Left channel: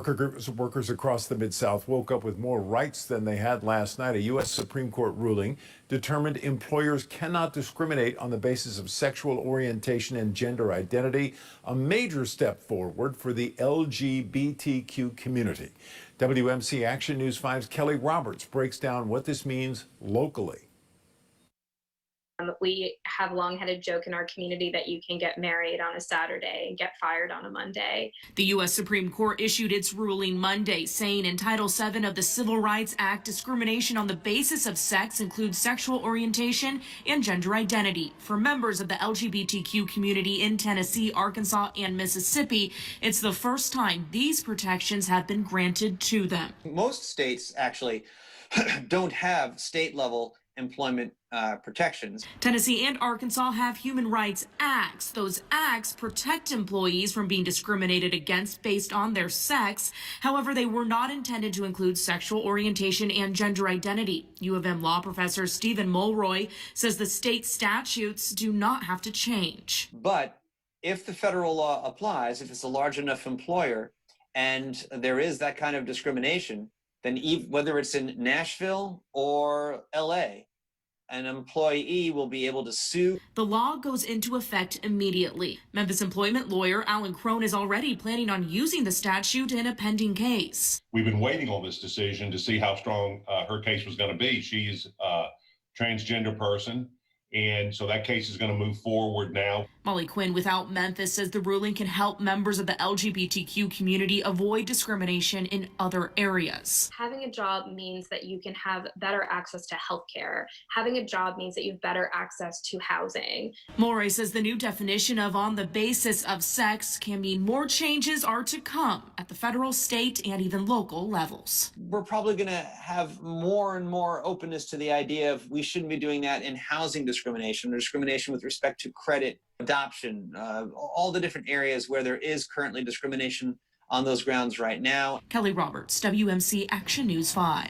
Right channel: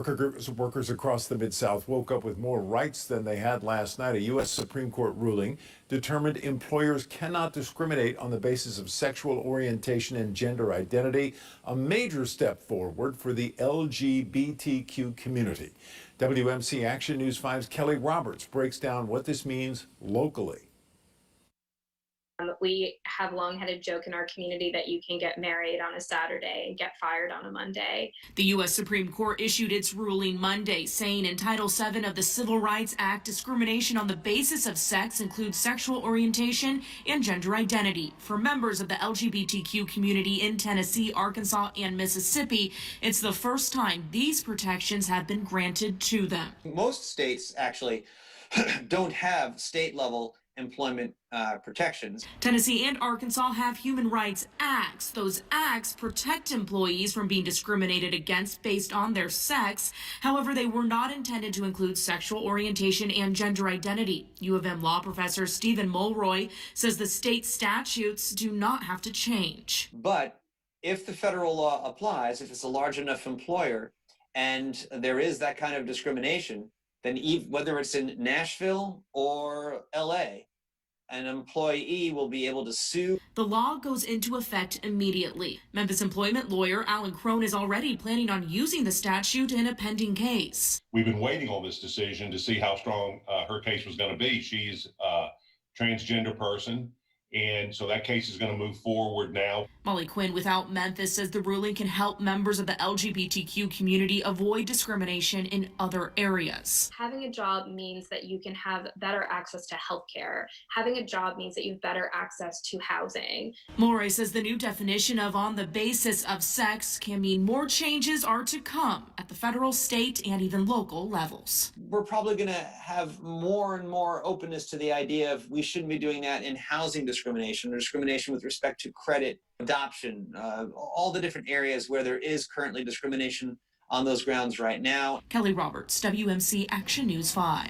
Workers across the Mid-South woke up with more rights than they had last night. A U.S. Supreme Court ruling determined employers cannot discriminate on the basis of sexual orientation and gender identity, a major step forward for the LGBTQ community. WMC Action News 5's Kelly Roberts breaks down what this means locally. We have long had a joke in our community that you can get married on a Saturday and get fired on a Monday. The U.S. Supreme Court issued its ruling Monday, saying in Title VII of the Civil Rights Act, discrimination on the basis of sex includes sexual orientation and gender identity. For members of the LGBTQ community in Tennessee, Arkansas, and Mississippi, it's the first time these protections have been granted to them. Most states actually don't have state-level employment protections. Tennessee and Arkansas have human rights acts. Those acts protect employees from being discriminated against based on their sex. However, they were not intended to include sexual orientation and gender identity. U of M law professor Stephen Mulroy says the state statutes do not have to change. But if the federal law applies, if it's a large enough employer and there is that kind of discrimination, then whether it's in Nashville or LA, an employee will be able to sue. The law goes into effect immediately. Memphis employment lawyer Alan Crone is already planning on using the statute in a pending case. We've been waiting on this decision to see how strong her case was going to be. She's a transgender person, and so that case is going to move forward now. Molly Quinn without Memphis says the ruling can help members of the LGBTQ community avoid discrimination in other areas. Having a job means that you can have better access to health care. Having a job means that you have better access to housing. Mulroy says the new definition of on the basis of sex can mean more changes are to come at the federal, state, and even local levels. We're probably going to have more and more openness to the idea of we shouldn't be doing that in housing discrimination or discrimination with respect to credit, adoption, all the different areas where there is currently discrimination on those grounds right now. Kelly Roberts, WMC Action News 5.